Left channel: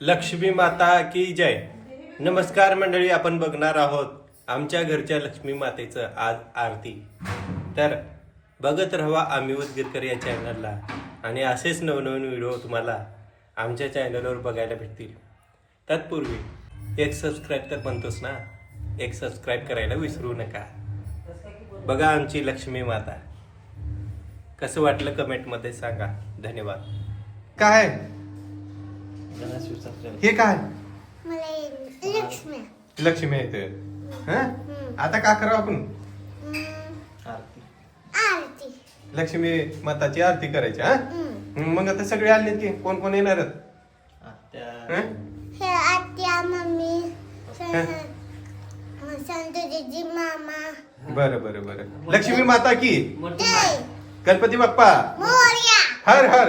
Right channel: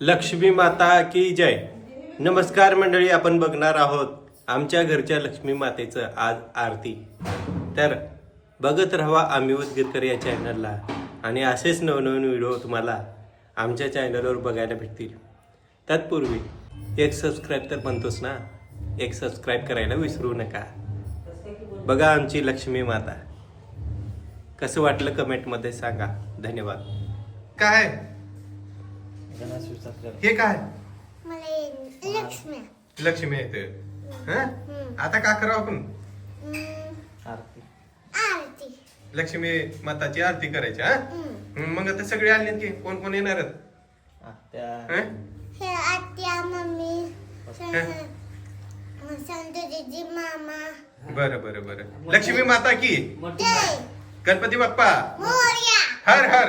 लक्ष्मी माता की जय. नमस्कार मंडळी आपण बघणार आहोत आमच्या घरच्या लक्ष्मी मातेचं आज आरती. तर बघत राहा आम्ही उदगीरकर या चॅनलला आणि असेच नवनवीन व्हिडिओ तुम्हाला आमच्या चॅनलवर बघायला भेटतील. तत्पूर्वी एक सबस्क्राईब तर म्हणतोस ना? एक सबस्क्राईब करायला विसरू नका. बघा आमची लक्ष्मी माता. कसं वाटलं कमेंटमध्ये सांगा. धन्यवाद. काय? हे काय? लक्ष्मी. लक्ष्मी येते. आता का करावं आपण? लक्ष्मी माताची आरती करायची हा? मग आता सगळे आले की कोण कोण येणार आत्या. मम्मी संतोषी मामा. बरं बरं बरं. लक्ष्मी माता की? गणपती बाप्पा? मोर्या. हर हर.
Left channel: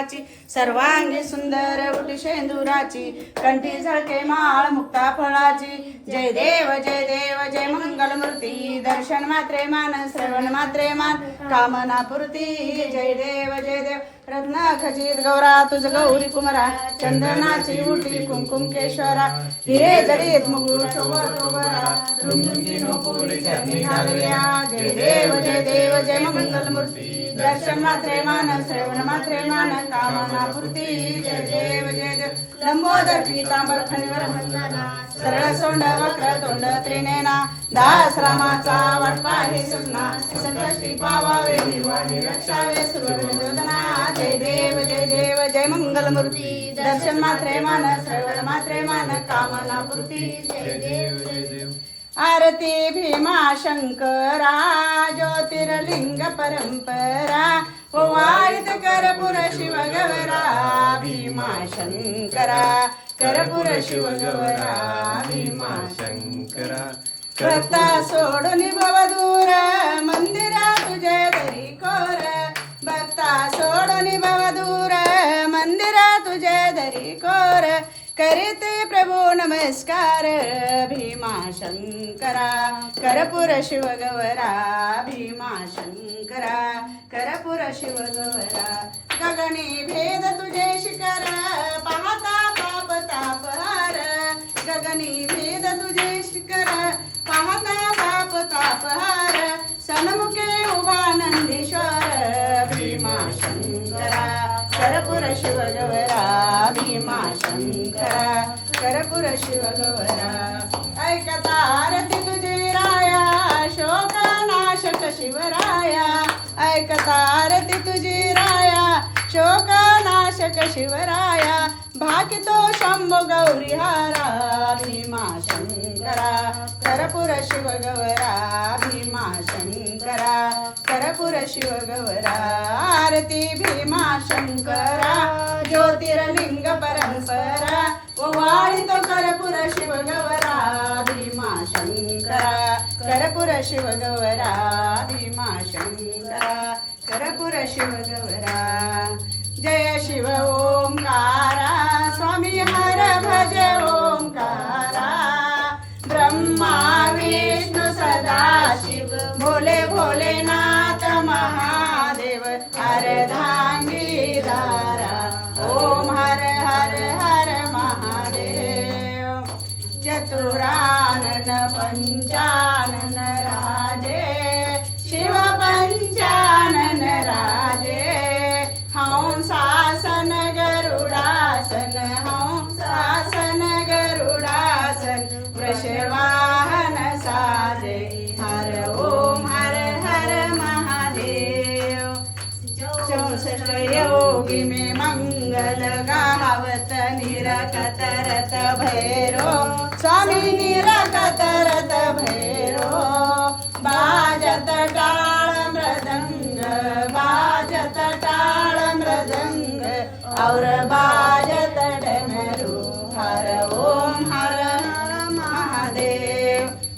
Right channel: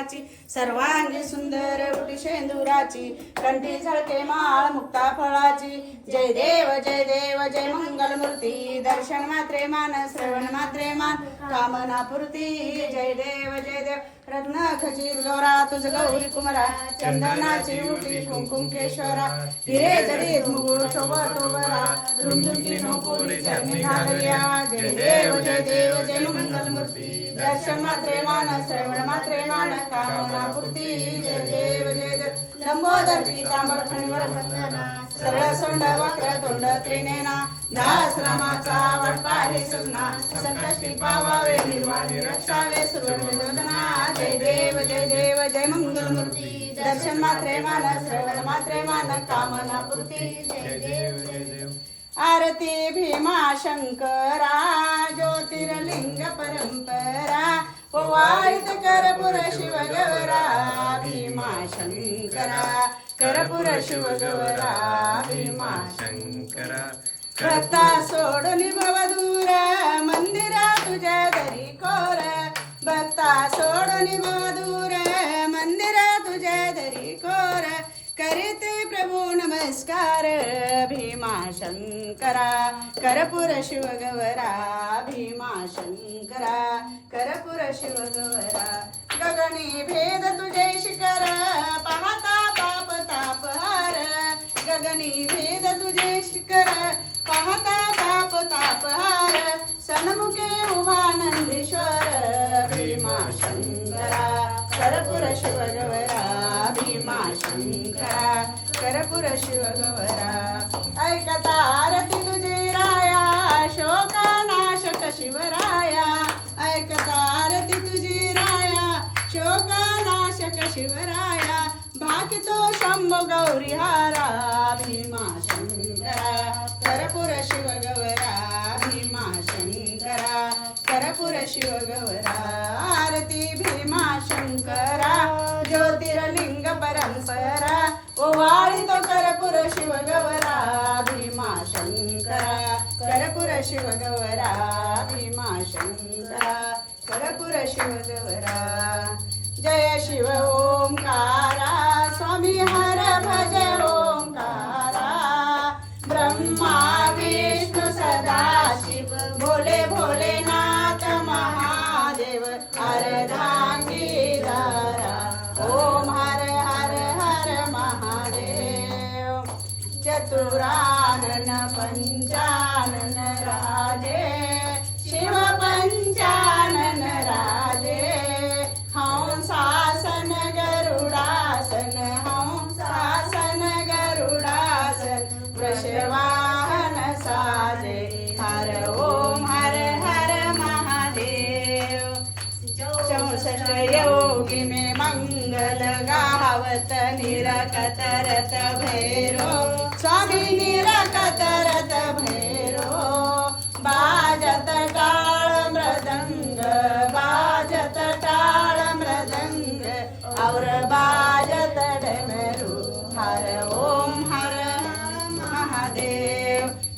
कृपा सर्वांगी सुंदर उटी शेंदुराची कंठी झळके माळ मुक्ता फळाची. जय देव जय देव जय मंगल मूर्ती दर्शन मात्रे मान श्रवण मात्रे मान कामना पूर्ती. जय देव जय देव. रत्न खचित गौरा तुझ गौरी कुमरा चंदनाची मुठी कुमकुम केशवरा हिरे जडीत मुगुळ सोबत बरा जय देव जय देव जय मंगल मूर्ती दर्शन मात्रे मान श्रवण मात्रे जय देव जय देव लंबोदर पीतांबर सरळ सोंड वक्र तोंड त्रिनेना दास रामाचा वाटपा हे सुजना संकष्टी पावावे निर्वाणी रक्षावे जय देव जय देव जय मंगल मूर्ती दर्शन मात्रे मान श्रवण मात्रे मान कामना जय देव जय देव। आरती भीमा शंकरा ज्योतिर्लिंग परंपरा वाळित करपुर शिव गौरा भीमा शंकरा करपुर शिव भीमा शंकरा. भक्ता सोडून भव दूर मंदिरा तुझ्या दरी कोर. भक्ता सोडून भव दूर मंदिरा तुझ्या दरी कोर. करीते नमस्कार भीमा शंकरा. करपुर शिव भीमा शंकरा. करपुर शिव शंकरा करपुर शिव ऐकता आरती तुझी राया शोका नाशक शिवराया. ऐकता आरती तुझी राया शोका नाशक शिवराया भाकितो शंभो गौरी हारा भीमा शंकरा करपुर शिव गौरा भीमा शंकरा करपुर शिव गौरा आरती भीमा शंकरा ज्योतिर्लिंग परंपरा ओवाळीतो करपुर शिव गौरा भीमा शंकरा करपुर शिव गौरा भीमा शंकरा करपुर शिव गौरा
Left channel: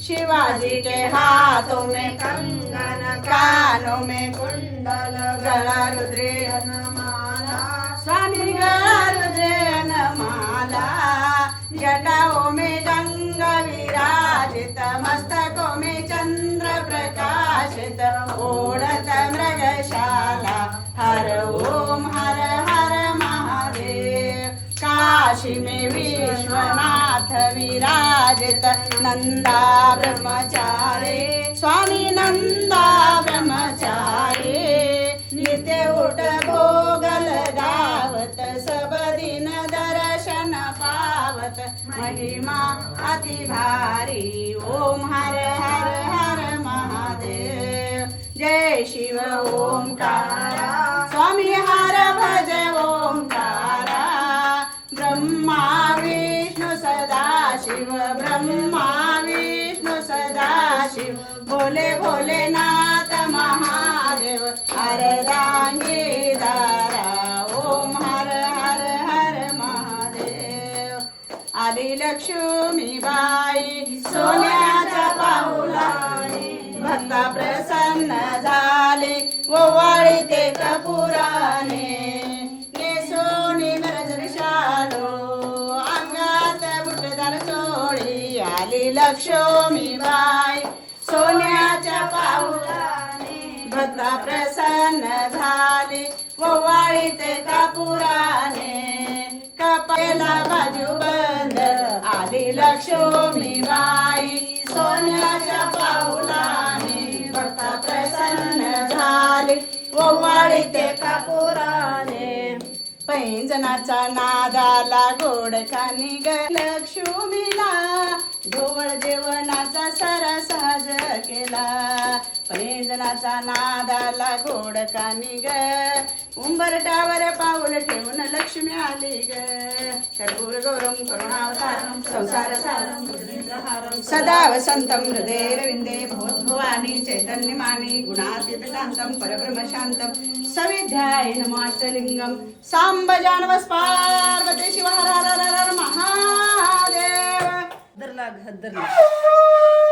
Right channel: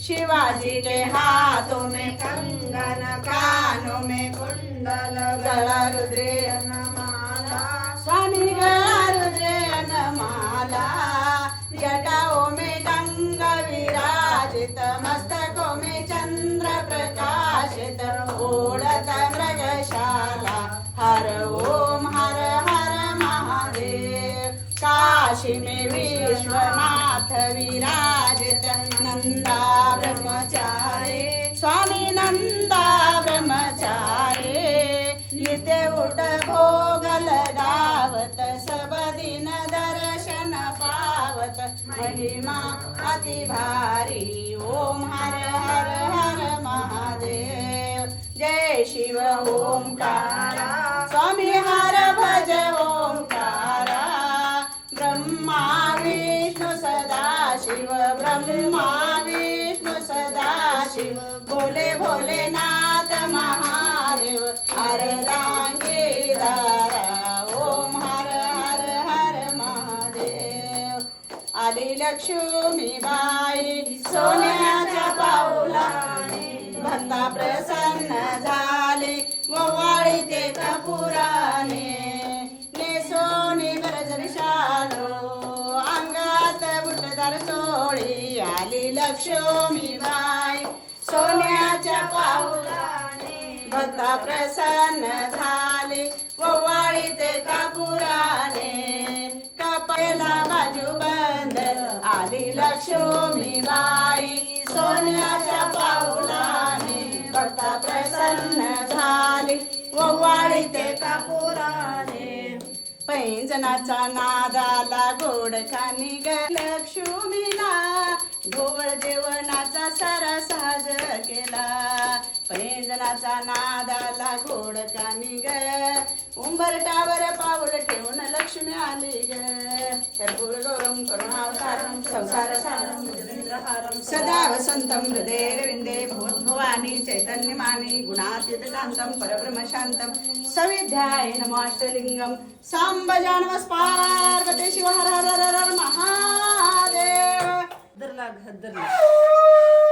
शिवाजी के हाथों में कंगन कानों में कुंडल गला रुद्रेन विराजित नंदा प्रसन्न झाले. ओवाळी ते कपुराने नेसोनी गरजर शालो अंगात बुटदार चोळी आली लक्ष्मी बाई. सोन्याच्या पाऊलाने ओवाळी ते कापुराने पैंजनाचा नादाला गोड कानी ग लक्ष्मीला. ढोळ जेवणाचा सारा साज केला. पैंजनाचा नादाला गोड कानी ग उंबरटावर पाऊल ठेवून लक्ष्मी आली ग. गौरम करुणावतारम संसार सारम सदा वसंतम हृदयरविंदे भवद्भवानी चैतन्यमानी गुणातीतकांतम परब्रह्म शांतम. सविध्याय नमाष्टलिंगम सांब जानवस पार्वती शिव महादेव. धरला धरला.